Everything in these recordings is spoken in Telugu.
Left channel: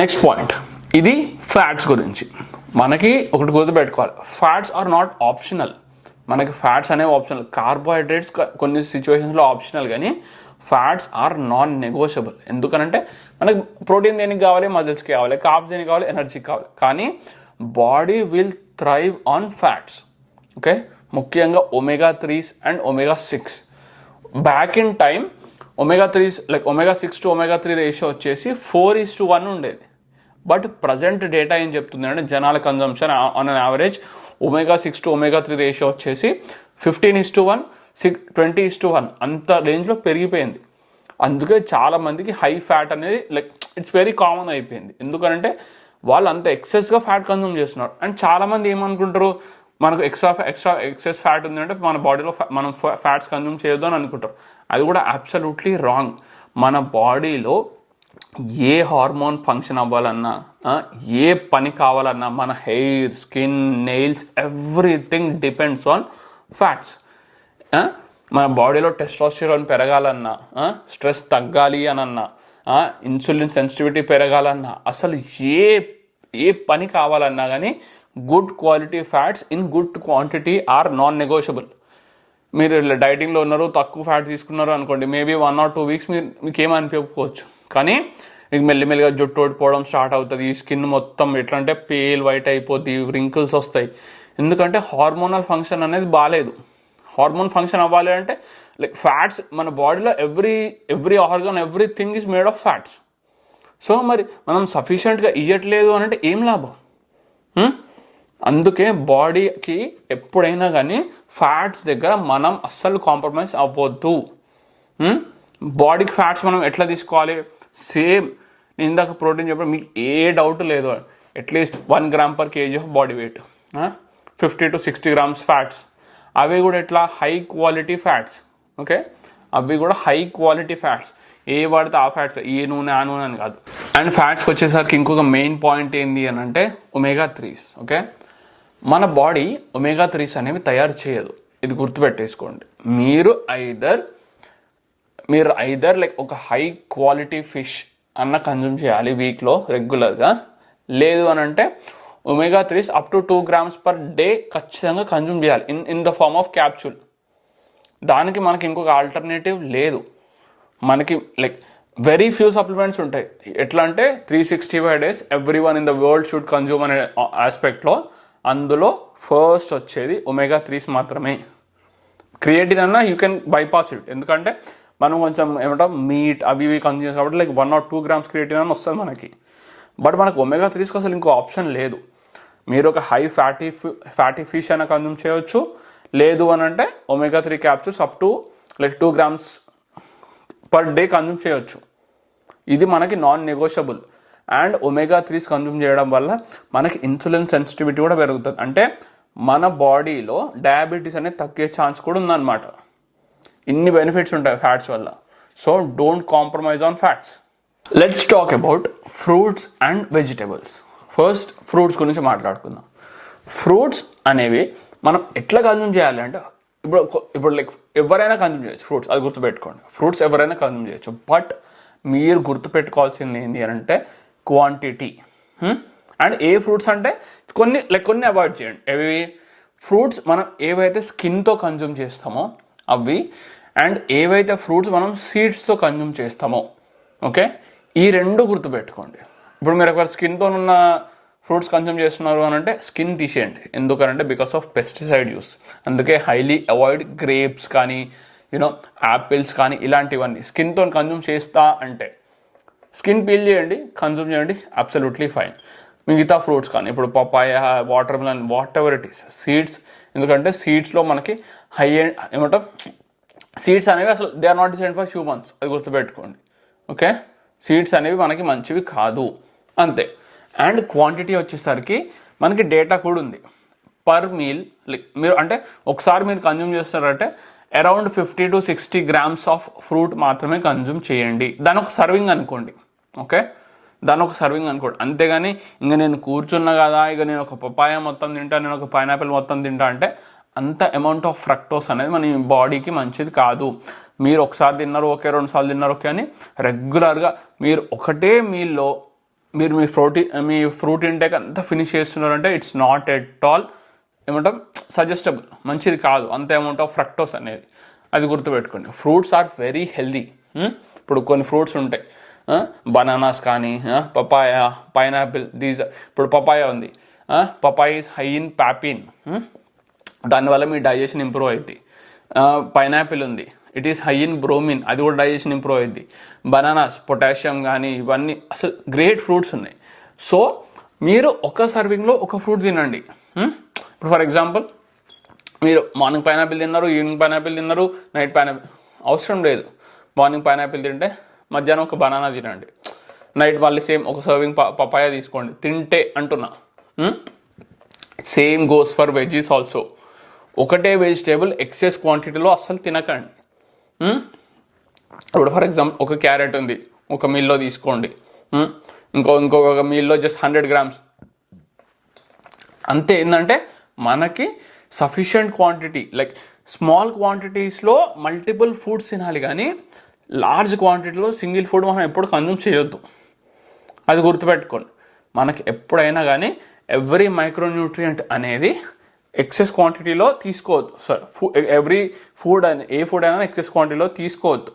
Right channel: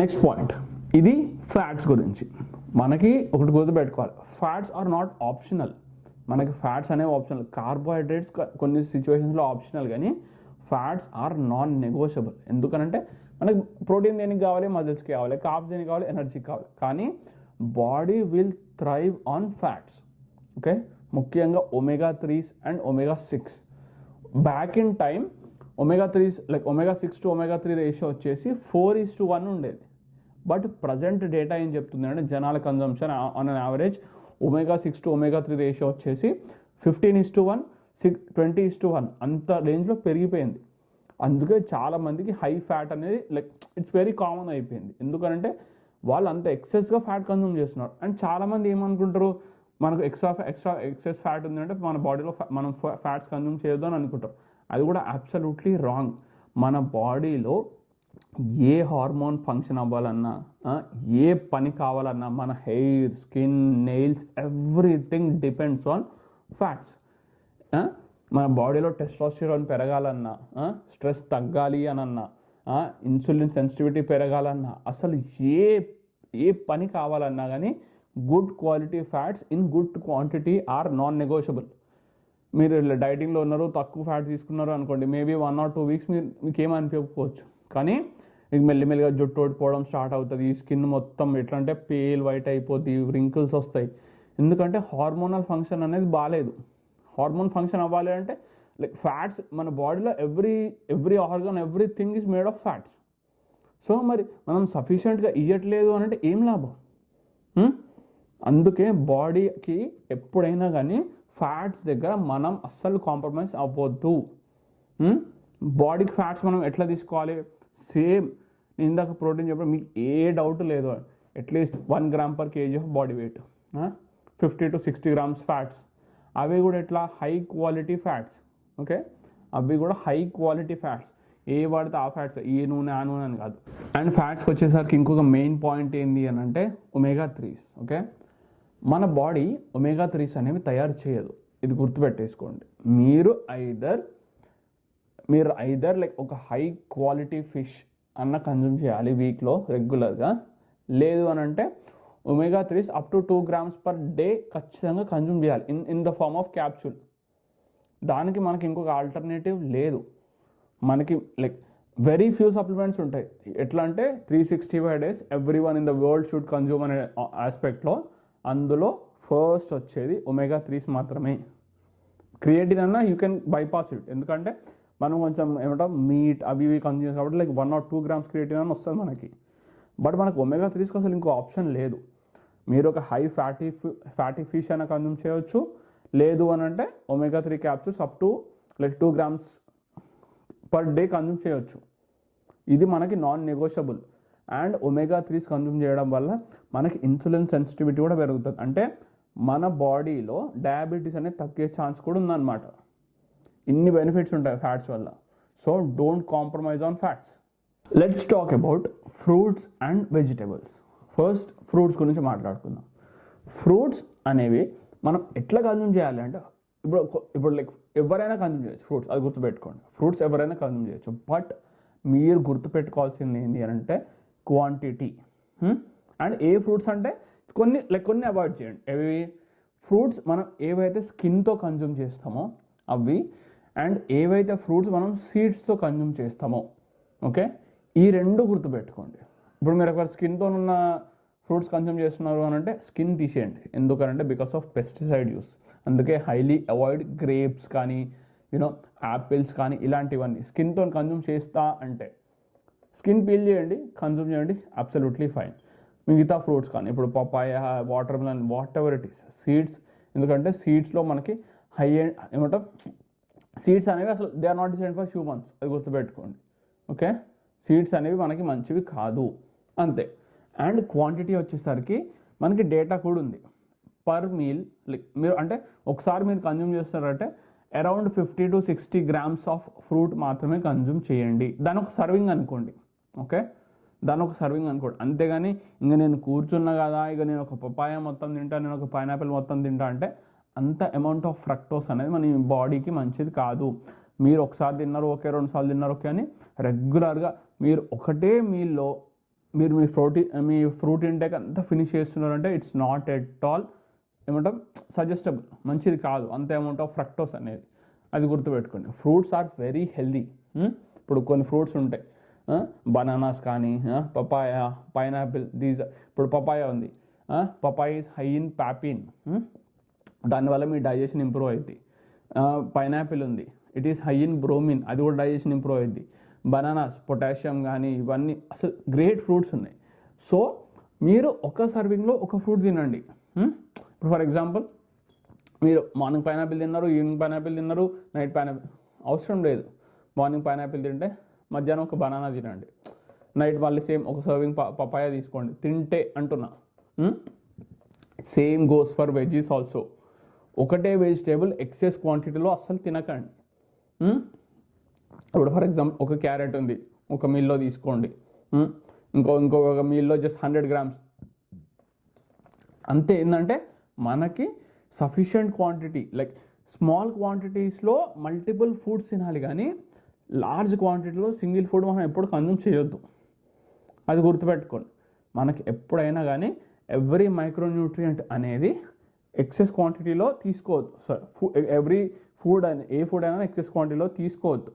నెక్స్ట్ పాయింట్, ఇది ఫ్యాట్స్ గురించి. మనకి ఒకటి గుర్తుపెట్టుకోవాలి, ఫ్యాట్స్ ఆర్ నాట్ ఆప్షనల్. మనకి ఫ్యాట్స్ అనేవి ఆప్షనల్, కార్బోహైడ్రేట్స్ కొన్ని సిచ్యువేషన్స్లో ఆప్షనల్, కానీ ఫ్యాట్స్ ఆర్ నాన్ నెగోషియబుల్. ఎందుకనంటే మనకి ప్రోటీన్ దేనికి కావాలి, మజిల్స్కి కావాలి, కార్బ్స్ దేనికి కావాలి, ఎనర్జీకి కావాలి. కానీ body will thrive on fats. Okay, ముఖ్యంగా omega 3s and omega 6. Back in time omega 3s like omega 6 to omega 3 ratio వచ్చేసి 4:1 ఉండేది. బట్ ప్రజెంట్ డేటా ఏం చెప్తుంది అంటే జనాల consumption on an average omega 6 to omega 3 ratio వచ్చేసి 15:1, 20:1 అంత రేంజ్లో పెరిగిపోయింది. అందుకే చాలామందికి హై ఫ్యాట్ అనేది లైక్ ఇట్స్ వెరీ కామన్ అయిపోయింది. ఎందుకంటే వాళ్ళు అంత ఎక్సెస్గా ఫ్యాట్ కన్జ్యూమ్ చేస్తున్నారు. అండ్ చాలామంది ఏమనుకుంటారు, మనకు ఎక్సెస్ ఫ్యాట్ ఉంది అంటే మన బాడీలో మనం ఫ్యాట్స్ కన్జ్యూమ్ చేయొద్దు అని అనుకుంటారు. అది కూడా అబ్సల్యూట్లీ రాంగ్. మన బాడీలో ఏ హార్మోన్ ఫంక్షన్ అవ్వాలన్నా, ఏ పని కావాలన్నా, మన hair, skin, nails, everything depends on fats. మన బాడీలో టెస్టోస్టెరాన్ పెరగాలన్నా, స్ట్రెస్ తగ్గాలి అనన్నా, ఇన్సులిన్ సెన్సిటివిటీ పెరగాలన్నా, అసలు ఏ పని కావాలన్నా కానీ good quality fats in good quantity or non negotiable. మీరు డైటింగ్లో ఉన్నారు, తక్కువ ఫ్యాట్ తీసుకున్నారు అనుకోండి, మేబీ 1 or 2 weeks మీకు ఏమనిపించకపోవచ్చు. కానీ మీకు మెల్లిమెల్లిగా జుట్టు ఓడిపోవడం స్టార్ట్ అవుతుంది, స్కిన్ మొత్తం ఎట్లా అంటే పేల్ వైట్ అయిపోద్ది, రింకిల్స్ వస్తాయి. ఎందుకంటే హార్మోనల్ ఫంక్షన్ అనేది బాగాలేదు. హార్మోన్ ఫంక్షన్ అవ్వాలి అంటే లైక్ ఫ్యాట్స్ మన బాడీలో every organ, everything is made of fats. So మరి మనం సఫిషియెంట్గా ఇవ్వట్లేదు అని అంటే ఏం లాభం? అందుకే బాడీకి ఎప్పుడైనా కానీ ఫ్యాట్స్ దగ్గర మనం అస్సలు కాంప్రమైజ్ అవ్వద్దు. బాడీకి ఫ్యాట్స్ మనం ఎట్లా తీసుకోవాలి? సేమ్ నేను ఇందాక ప్రోటీన్ చెప్పడం మీకు ఏ డౌట్ లేదు. At least 1 gram per kg of body weight, 50 to 60 grams fats. అవి కూడా ఎట్లా హై క్వాలిటీ ఫ్యాట్స్. ఓకే, అవి కూడా హై క్వాలిటీ ఫ్యాట్స్. ఏ వాడితే ఆ ఫ్యాట్స్, ఏ నూనె ఆ నూనె అని కాదు. అండ్ ఫ్యాట్స్కి వచ్చేసరికి ఇంకొక మెయిన్ పాయింట్ ఏంటి అని అంటే ఒమేగా 3s. ఓకే, మన బాడీ ఒమేగా 3s అనేవి తయారు చేయదు. ఇది గుర్తుపెట్టేసుకోండి. మీరు ఐదర్ లైక్ ఒక హై క్వాలిటీ ఫిష్ అన్న కన్జ్యూమ్ చేయాలి వీక్లో రెగ్యులర్గా, లేదు అని అంటే omega 3s up to 2 grams per day ఖచ్చితంగా కన్జ్యూమ్ చేయాలి in the form of capsule. దానికి మనకి ఇంకొక ఆల్టర్నేటివ్ లేదు. మనకి లైక్ వెరీ ఫ్యూ సప్లిమెంట్స్ ఉంటాయి. ఎట్లా అంటే 365 days every one in the world should consume అనే ఆస్పెక్ట్లో అందులో ఫస్ట్ వచ్చేది ఒమేగా 3s మాత్రమే. క్రియేటిన్ అన్నా యూ కెన్ బైపాస్ ఇట్, ఎందుకంటే మనం కొంచెం ఏమంటాం మీట్ అవి ఇవి కన్జ్యూమ్ కాబట్టి లైక్ 1 or 2 grams క్రియేటిన్ అని వస్తుంది మనకి. బట్ మనకు ఒమేగా 3స్కి అసలు ఇంకో ఆప్షన్ లేదు. మీరు ఒక హై ఫ్యాటీ ఫిష్ అయినా కన్జ్యూమ్ చేయవచ్చు, లేదు అని అంటే omega 3 capsules up to like 2 grams per day consume చేయవచ్చు. ఇది మనకి non negotiable. And omega 3s consume చేయడం వల్ల మనకి ఇన్సులిన్ సెన్సిటివిటీ కూడా పెరుగుతుంది. అంటే మన బాడీలో డయాబెటీస్ అనేది తగ్గే ఛాన్స్ కూడా ఉందన్నమాట. ఇన్ని బెనిఫిట్స్ ఉంటాయి ఫ్యాట్స్ వల్ల. So don't compromise on fats. Let's talk about fruits and vegetables. First fruits గురించి మాట్లాడుకుందాం. ఫ్రూట్స్ అనేవి మనం ఎట్లా కన్జ్యూమ్ చేయాలి అంటే ఇప్పుడు లైక్ ఎవరైనా కన్జ్యూమ్ చేయొచ్చు ఫ్రూట్స్, అది గుర్తుపెట్టుకోండి. ఫ్రూట్స్ ఎవరైనా కన్జ్యూమ్ చేయొచ్చు. బట్ మీరు గుర్తుపెట్టుకోవాల్సింది ఏంటి అని అంటే క్వాంటిటీ. అండ్ ఏ ఫ్రూట్స్ అంటే కొన్ని అవాయిడ్ చేయండి. ఏవి ఫ్రూట్స్ మనం ఏవైతే స్కిన్తో కన్జ్యూమ్ చేస్తామో అవి, అండ్ ఏవైతే ఫ్రూట్స్ మనం సీడ్స్తో కన్జ్యూమ్ చేస్తామో. ఓకే, ఈ రెండు గుర్తుపెట్టుకోండి. ఇప్పుడు మీరు ఒకవేళ స్కిన్తో ఉన్న ఫ్రూట్స్ కన్జ్యూమ్ చేస్తున్నారు అని అంటే స్కిన్ తీసేయండి. ఎందుకంటే బికాస్ ఆఫ్ పెస్టిసైడ్ యూస్. అందుకే హైలీ అవాయిడ్ గ్రేప్స్ కానీ యాపిల్స్ కానీ ఇలాంటివన్నీ. స్కిన్తో కన్జ్యూమ్ చేస్తా అంటే స్కిన్ పీల్ చేయండి, కన్జ్యూమ్ చేయండి, అబ్సల్యూట్లీ ఫైన్. మిగతా ఫ్రూట్స్ కానీ ఇప్పుడు papaya, watermelon, whatever it is, seeds. ఎందుకంటే సీడ్స్లో మనకి హై అండ్ సీడ్స్ అనేవి అసలు they are not decide for humans, అది గుర్తుపెట్టుకోండి. ఓకే, సీడ్స్ అనేవి మనకి మంచివి కాదు, అంతే. అండ్ క్వాంటిటీ వచ్చేసరికి మనకి డేటా కూడా ఉంది. పర్ మీల్ మీరు అంటే ఒకసారి మీరు కన్జ్యూమ్ చేస్తారంటే around 50 to 60 grams of fruit మాత్రమే కన్జ్యూమ్ చేయండి. దాని ఒక సర్వింగ్ అనుకోండి. ఓకే, దాని ఒక సర్వింగ్ అనుకోండి. అంతేగాని ఇంకా నేను కూర్చున్నా కదా, ఇక నేను ఒక పపాయ మొత్తం తింటా, నేను ఒక పైనాపిల్ మొత్తం తింటా అంటే అంత అమౌంట్ ఆఫ్ ఫ్రక్టోస్ అనేది మన బాడీకి మంచిది కాదు. మీరు ఒకసారి తిన్నారు ఓకే, 2 సార్లు తిన్నారు ఓకే అని రెగ్యులర్గా మీరు ఒకటే మీల్లో మీరు మీ ఫ్రూట్ ఇంటేక్ అంతా ఫినిష్ చేస్తున్నారంటే ఇట్స్ నాట్ ఎట్ ఆల్ ఏమంటాం సజెస్టబుల్, మంచిది కాదు అంత అమౌంట్ ఆఫ్ ఫ్రక్టోస్ అనేది. అది గుర్తుపెట్టుకోండి. Fruits are very healthy. ఇప్పుడు కొన్ని ఫ్రూట్స్ ఉంటాయి, బనానాస్ కానీ, పపాయ, పైనాపిల్, దీస్. ఇప్పుడు పపాయ ఉంది, papaya is high in papain, దానివల్ల మీ డైజెషన్ ఇంప్రూవ్ అవుతుంది. పైనాపిల్ ఉంది, it is high in bromine, అది కూడా డైజెషన్ ఇంప్రూవ్ అవుతుంది. బనానాస్ పొటాషియం కానీ ఇవన్నీ అసలు గ్రేట్ ఫ్రూట్స్ ఉన్నాయి. సో మీరు ఒక సర్వింగ్లో ఒక ఫ్రూట్ తినండి. ఇప్పుడు ఫర్ ఎగ్జాంపుల్ మీరు మార్నింగ్ పైనాపిల్ తిన్నారు, ఈవినింగ్ పైనాపిల్ తిన్నారు, నైట్ పైనాపిల్ అవసరం లేదు. మార్నింగ్ పైనాపిల్ తింటే మధ్యాహ్నం ఒక బనానా తినండి, నైట్ మళ్ళీ సేమ్ ఒక సర్వింగ్ పపాయ తీసుకోండి తింటే అంటున్నా. Same goes for veggies also. ఒకటే వెజిటేబుల్ ఎక్సెస్ క్వాంటిటీలో అస్సలు తినకండి. ఇప్పుడు ఫర్ ఎగ్జాంపుల్ ఒక క్యారెట్ ఉంది, ఒక మీల్లో తీసుకోండి, ఇంకొక మీల్లో జస్ట్ 100 grams అంతే. ఏంటంటే మనకి సఫిషియంట్ క్వాంటిటీ, లైక్ స్మాల్ క్వాంటిటీస్లో మల్టిపుల్ ఫుడ్స్ తినాలి, కానీ లార్జ్ క్వాంటిటీలో సింగిల్ ఫుడ్ మనం ఎప్పుడు కన్జ్యూమ్ చేయొద్దు. అది గుర్తుపెట్టుకోండి. మనకి ఎప్పుడైనా కానీ ఎవ్రీ మైక్రోన్యూట్రియంట్ అనేది ఎక్సెస్ క్వాంటిటీలో తీసుకోవద్దు. ఎవ్రీ ఫుడ్ ఏ ఫుడ్ అయినా ఎక్సెస్ క్వాంటిటీలో తీసుకోవద్దు.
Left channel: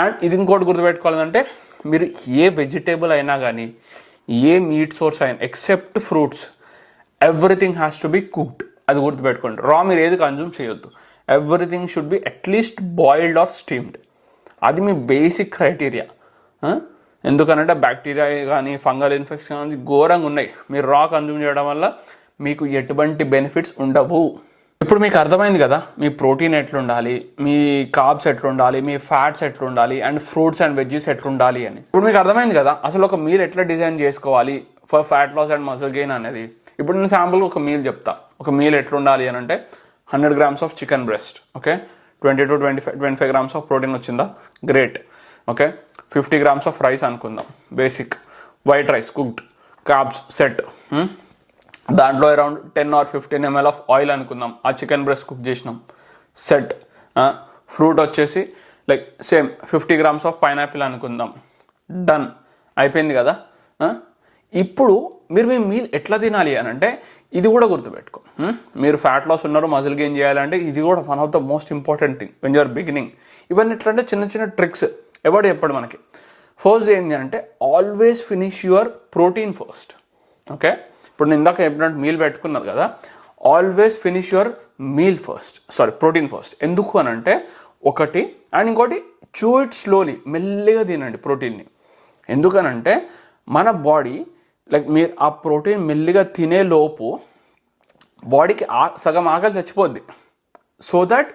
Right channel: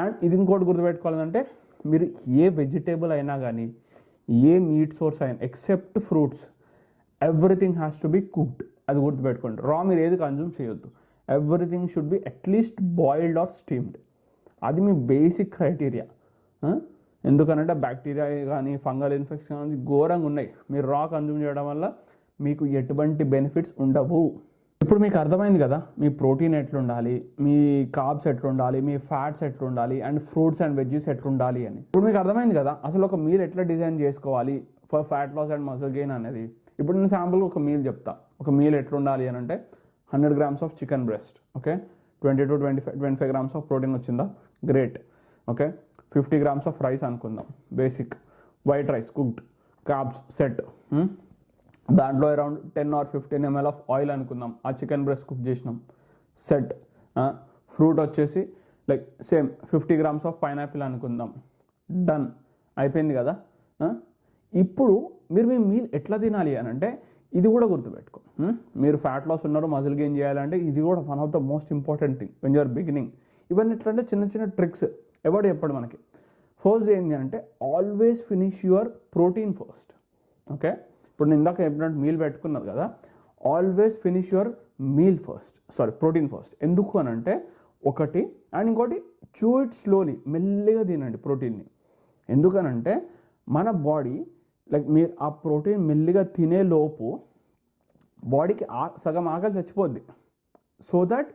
అండ్ ఇది ఇంకోటి గుర్తుపెట్టుకోవాలంటే మీరు ఏ వెజిటేబుల్ అయినా కానీ, ఏ మీట్ సోర్స్ అయినా except fruits, everything has to be cooked. అది గుర్తుపెట్టుకోండి. రా మీరు ఏది కన్జ్యూమ్ చేయొద్దు. Everything should be at least boiled or steamed. అది మీ బేసిక్ క్రైటీరియా. ఎందుకనంటే బ్యాక్టీరియా కానీ ఫంగల్ ఇన్ఫెక్షన్ కానీ ఘోరంగా ఉన్నాయి. మీరు రా కన్జ్యూమ్ చేయడం వల్ల మీకు ఎటువంటి బెనిఫిట్స్ ఉండవు. ఇప్పుడు మీకు అర్థమైంది కదా మీ ప్రోటీన్ ఎట్లుండాలి, మీ కార్బ్స్ ఎట్లుండాలి, మీ ఫ్యాట్స్ ఎట్లుండాలి, అండ్ ఫ్రూట్స్ అండ్ వెజ్జీస్ ఎట్లుండాలి అని. ఇప్పుడు మీకు అర్థమైంది కదా అసలు ఒక మీల్ ఎట్లా డిజైన్ చేసుకోవాలి for fat loss and muscle gain అనేది. ఇప్పుడు నేను శాంపుల్ ఒక మీల్ చెప్తా. ఒక మీల్ ఎట్లుండాలి అని అంటే 100 grams of chicken breast, okay, 20 to 25 grams of protein వచ్చిందా, great, okay. 50 grams of rice అనుకుందాం, basic white rice cooked, carbs set. దాంట్లో around 10 or 15 ml of oil అనుకుందాం, ఆ చికెన్ బ్రెస్ట్ కుక్ చేసినాం, సెట్. ఫ్రూట్ వచ్చేసి like same 50 grams of pineapple అనుకుందాం, డన్, అయిపోయింది కదా. ఇప్పుడు మీరు మీ మీల్ ఎట్లా తినాలి అని అంటే ఇది కూడా గుర్తుపెట్టుకో. మీరు ఫ్యాట్ లాస్ ఉన్నారు, మజిల్ గెయిన్ చేయాలంటే ఇది కూడా one of the most important thing when you're beginning. ఇవన్నీ ఎట్లా అంటే చిన్న చిన్న ట్రిక్స్ ఎవడు చెప్పాడు మనకి. ఫస్ట్ ఏంటి అంటే always finish your protein first, okay. ఇప్పుడు నేను ఇందాక చెప్పినట్టు మీల్ పెట్టుకున్నారు కదా, always finish your meal first, protein first. ఎందుకు అని అంటే ఒకటి, అండ్ ఇంకోటి చూ ఇట్ స్లోలీ, మెల్లిగా తినండి ప్రోటీన్ని. ఎందుకనంటే మన బాడీ లైక్ మీరు ఆ ప్రోటీన్ మెల్లిగా తినే లోపు బాడీకి సగం ఆకలి చచ్చిపోద్ది. సో దట్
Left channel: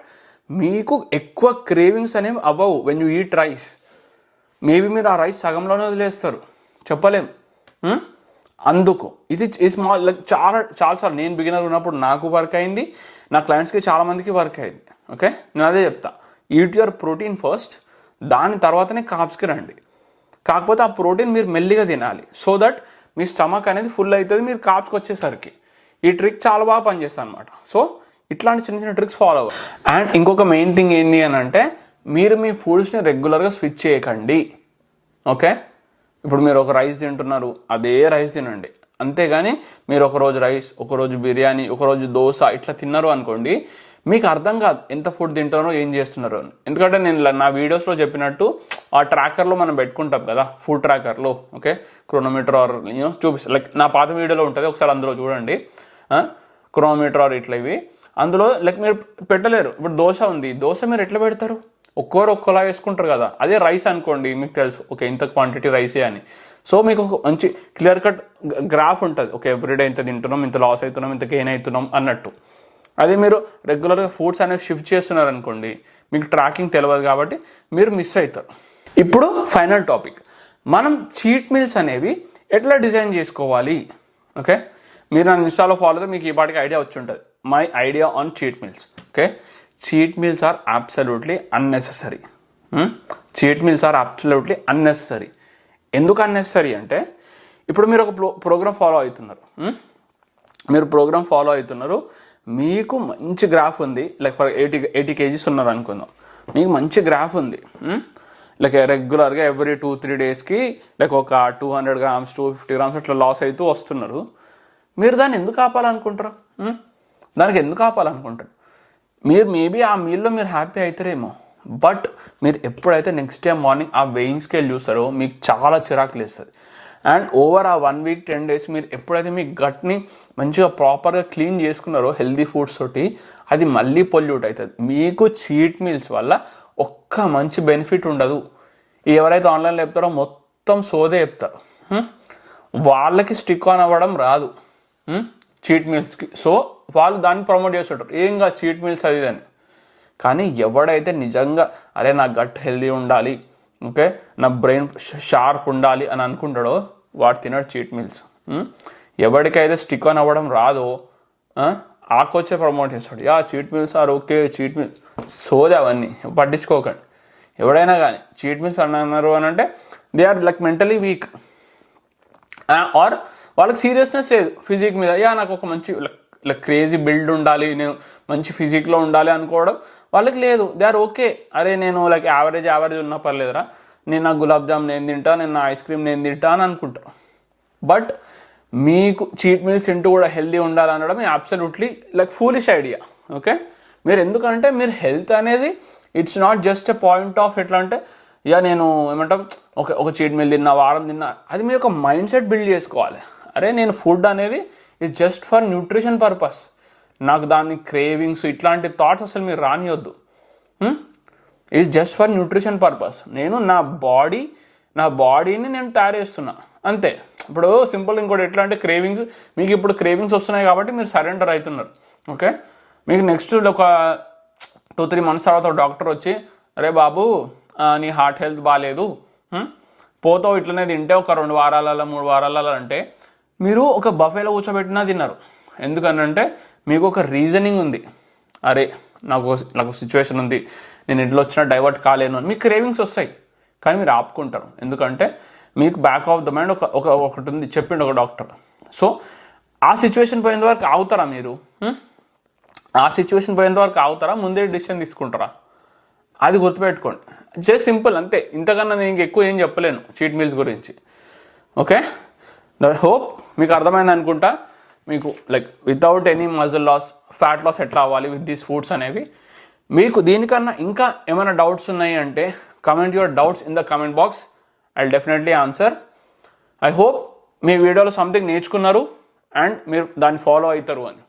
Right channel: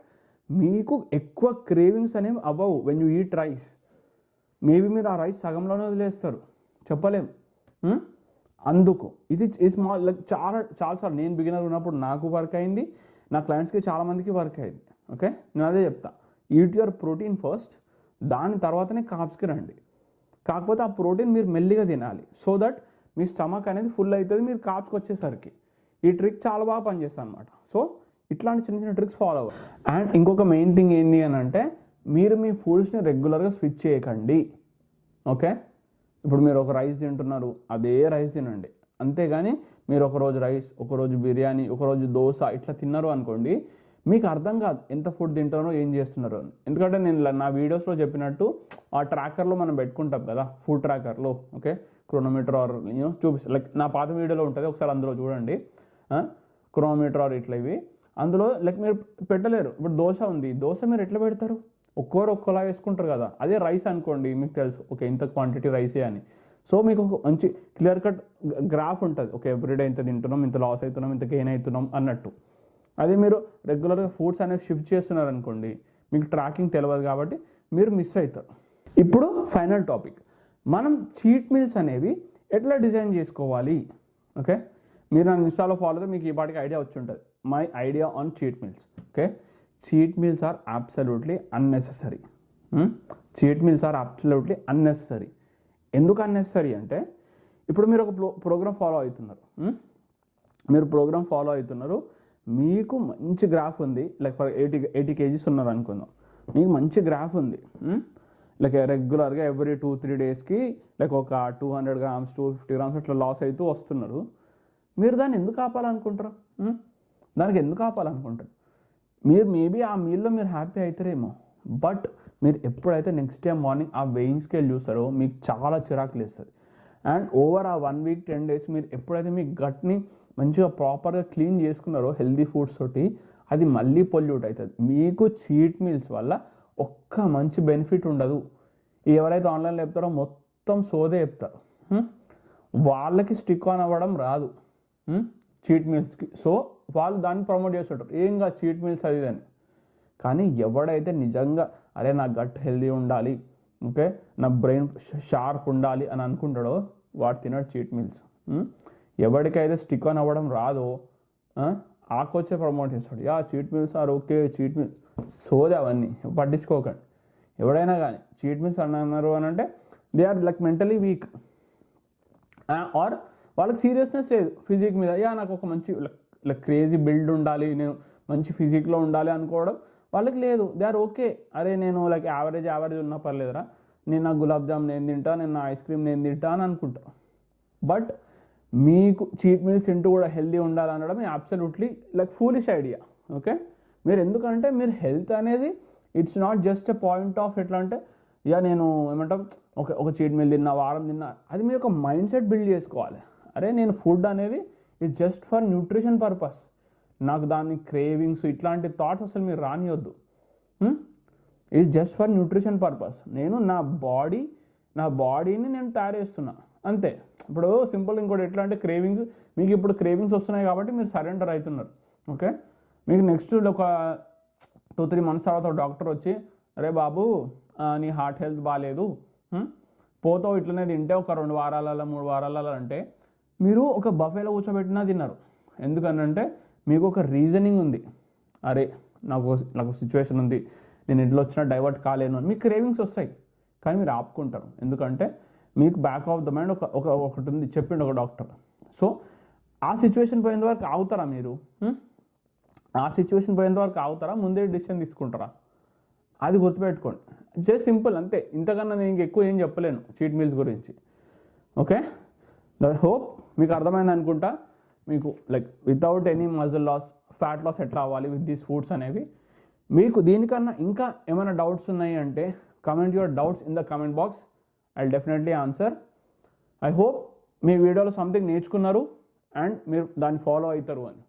మీకు ఎక్కువ క్రేవింగ్స్ అనేవి అవ్వవు when you eat rice. Maybe మీరు ఆ రైస్ సగంలోనే వదిలేస్తారు, చెప్పలేం. అందుకు ఇది స్మాల్ లైక్ చాలాసార్లు నేను బిగినర్ ఉన్నప్పుడు నాకు వర్క్ అయింది, నా క్లయింట్స్కి చాలామందికి వర్క్ అయింది, ఓకే. నేను అదే చెప్తా, ఈట్ యువర్ ప్రోటీన్ ఫస్ట్, దాని తర్వాతనే కార్బ్స్కి రండి. కాకపోతే ఆ ప్రోటీన్ మీరు మెల్లిగా తినాలి, సో దట్ మీ స్టమక్ అనేది ఫుల్ అవుతుంది మీరు కార్బ్స్కి వచ్చేసరికి. ఈ ట్రిక్ చాలా బాగా పనిచేస్తుంది అనమాట. సో ఇట్లాంటి చిన్న చిన్న ట్రిక్స్ ఫాలో అవ్వాలి. అండ్ ఇంకొక మెయిన్ థింగ్ ఏంటి అని అంటే మీరు మీ ఫుడ్స్ని రెగ్యులర్గా స్విచ్ చేయకండి, ఓకే. ఇప్పుడు మీరు ఒక రైస్ తింటున్నారు, అదే రైస్ తినండి, అంతేగాని మీరు ఒకరోజు రైస్, ఒకరోజు బిర్యానీ, ఒకరోజు దోశ ఇట్లా తిన్నారు అనుకోండి, మీకు అర్థం కాదు ఎంత ఫుడ్ తింటారో ఏం చేస్తున్నారో అని. ఎందుకంటే నేను నా వీడియోస్లో చెప్పినట్టు ఆ ట్రాకర్లో మనం పెట్టుకుంటాం కదా, ఫుడ్ ట్రాకర్లో, ఓకే, క్రోనోమీటర్ ఆర్ చూపిస్తాను. లైక్ నా పాత వీడియోలో ఉంటుంది, ఒకసారి అందులో చూడండి, క్రోనోమీటర్ ఆర్ ఇట్లా ఇవి. అందులో లైక్ మీరు పెట్టలేరు. ఇప్పుడు దోశ ఉంది, దోశ మీరు ఎట్లా పెడతారు, ఒక్కోలా వేసుకుంటారు కదా. అదే రైస్ అనుకోండి, మీకు తెలుసు ఓకే ఇంత క్వాంటిటీ రైసే అని. సో మీకు ఒక మంచి క్లియర్ కట్ గ్రాఫ్ ఉంటుంది, ఓకే ఎవ్రీడే ఇంత తింటున్నాం, ఇంత లాస్ అవుతున్నాం, ఇంత గెయిన్ అవుతున్నాం అన్నట్టు. అదే మీరు రెగ్యులర్గా ఫుడ్స్ అనేవి షిఫ్ట్ చేస్తున్నారు అనుకోండి, మీకు ట్రాకింగ్ తెలియదు కాబట్టి మీరు మిస్ అవుతారు. ఇప్పుడు ఫైనల్ టాపిక్, మనం చీట్ మీల్స్ అనేవి ఎట్లా డిజైన్ చేసుకోవాలి, ఓకే. మీరు నా ఇన్స్టాలో ఫాలో అయితే మీకు ఈ పాటికి ఐడియా వచ్చి ఉంటుంది, my idea on cheat meals, okay. Cheat meals are absolutely unnecessary. Cheat meals are absolutely unnecessary. ఎందుకు అన్నెసెసరీ అంటే ఇప్పుడు మీరు ఒక ప్రోగ్రామ్ ఫాలో అవుతున్నారు, మీకు మంచి గ్రాఫ్ ఉంది, లైక్ ఫర్ 80 kgs ఉన్నారు అనుకుందాం, మీకు మంచి గ్రాఫ్ ఉంది. లైక్ రెగ్యులర్గా ఎవ్రీ 2-3 డేస్కి లైక్ ఒక 200 గ్రామ్స్ 250 గ్రామ్స్ అట్లా లాస్ అవుతూ వస్తున్నారు. మీరు దాన్ని ఎందుకు ఆపాలనుకుంటారు? దానికి ఎందుకు ఆపాలనుకుంటారు? మీరు మేబీ ఆ మీల్లో మీరు హ్యాపీ అవుతారేమో, బట్ మీరు ఎప్పుడైతే నెక్స్ట్ డే మార్నింగ్ ఆ వెయింగ్ స్కేల్ చూస్తారో మీకు చాలా చిరాకులు వేస్తుంది. అండ్ ఓవర్ ఆ 1 వీక్ 10 డేస్ మీరు ఎప్పుడైతే మీ గట్ని మంచిగా ప్రాపర్గా క్లీన్ చేసుకున్నారో హెల్దీ ఫుడ్స్ తోటి, అది మళ్ళీ పొల్యూట్ అవుతుంది. మీకు చీట్ మీల్స్ వల్ల ఒక్క మంచి బెనిఫిట్ ఉండదు. ఎవరైతే ఆన్లైన్లో చెప్తారో మొత్తం సోదే చెప్తారు. వాళ్ళకి స్టిక్ ఆన్ అవ్వడం రాదు చీట్ మీల్స్కి. సో వాళ్ళు దాన్ని ప్రమోట్ చేస్తుంటారు, ఏంగా చీట్ మీల్స్ అది అని. కానీ ఎవడైతే నిజంగా అరే నా గట్ హెల్దీ ఉండాలి, ఓకే, నా బ్రెయిన్ షార్ప్ ఉండాలి అని అనుకుంటాడో వాడు తినడు చీట్ మీల్స్. ఎవరికైతే స్టిక్ ఆన్ అవ్వడం రాదో ఆ కోచే ప్రమోట్ చేస్తాడు, cheat meals are okay, cheat meals సోదే అవన్నీ పట్టించుకోకండి. ఎవడైనా కానీ చీట్ మీల్స్ అన్నారు అని అంటే they are like mentally weak, or వాళ్ళకి సీరియస్నెస్ లేదు ఫిజిక్ మీద. నాకు ఒక మంచి లైక్ క్రేజీ బిల్డ్ ఉండాలి, నేను మంచి ఫిజిక్లో ఉండాలి అనుకోవడం వాళ్ళకి లేదు. దే ఆర్ ఓకే, అరే నేను లైక్ యావరేజ్ ఉన్నా పర్లేదురా, నేను నా గులాబ్ జామ్ నేను తింటా, నేను నా ఐస్ క్రీమ్ నేను తింటా అని అనుకుంటా. బట్ మీకు చీట్ మీల్స్ తింటూ కూడా హెల్దీ ఉండాలనడం absolutely like foolish idea. Okay, మీరు ఎందుకంటే మీరు హెల్త్ అనేది it's not just a point of ఎట్లా అంటే నేను ఏమంటాం ఒక చీట్ మీల్ తిన్నా, వారం తిన్నా, అది మీరు ఒక మైండ్ సెట్ బిల్డ్ చేసుకోవాలి. అరే నేను ఫుడ్ అనేది it's just for nutrition purpose, నాకు దాని క్రేవింగ్స్ ఇట్లాంటి థాట్స్ అసలు మీరు రానియొద్దు. It's just for nutrition purpose. నేను నా బాడీని నేను తయారు చేస్తున్నా అంతే. ఇప్పుడు సింపుల్ ఇంకోటి ఎట్లా అంటే క్రేవింగ్స్, మీకు ఇప్పుడు క్రేవింగ్స్ వస్తున్నాయి కాబట్టి మీరు సరెండర్ అవుతున్నారు. ఓకే, మీకు నెక్స్ట్ ఒక 2-3 months తర్వాత డాక్టర్ వచ్చి అరే బాబు నీ హార్ట్ హెల్త్ బాగాలేదు, పోతావు ఇట్లనే తింటే ఒక 2 వారాలలో 3 వారాలలో అంటే మీరు ఒక బఫేలో కూర్చోబెట్టినా తిన్నారు. ఎందుకనంటే మీకు ఒక రీజనింగ్ ఉంది, అరే నాకు సిచ్యువేషన్ ఉంది, నేను ఇంట్లో వచ్చినా డైవర్ట్ కాలేను అని. మీకు క్రేవింగ్స్ వస్తాయి కానీ మీరు ఆపుకుంటారు, ఎందుకంటే మీకు బ్యాక్ ఆఫ్ ద మైండ్ ఒకటి ఉంది చెప్పిండు ఒక డాక్టర్. సో ఆ సిచ్యువేషన్ పోయేంత వరకు ఆగుతారా మీరు? ఆ సిచ్యువేషన్ పోయేంత వరకు ఆగుతారా, ముందే డిసిషన్ తీసుకుంటారా? అది గుర్తుపెట్టుకోండి. జస్ట్ సింపుల్ అంతే, ఇంతకన్నా నేను ఎక్కువ ఏం చెప్పలేను చీట్ మీల్స్ గురించి. ఓకే, దట్ హోప్ మీకు అర్థమైంది అనుకుంటా. మీకు like without any muscle loss, fat loss ఎట్లా అవ్వాలి విత్ దీస్ ఫుడ్స్ అనేవి. మీకు దీనికన్నా ఇంకా ఏమైనా డౌట్స్ ఉన్నాయి అంటే comment your doubts in the comment box, I will definitely answer. I hope మీ వీడియోలో సంథింగ్ నేర్చుకున్నారు అండ్ మీరు దాన్ని ఫాలో అవుతారు అని.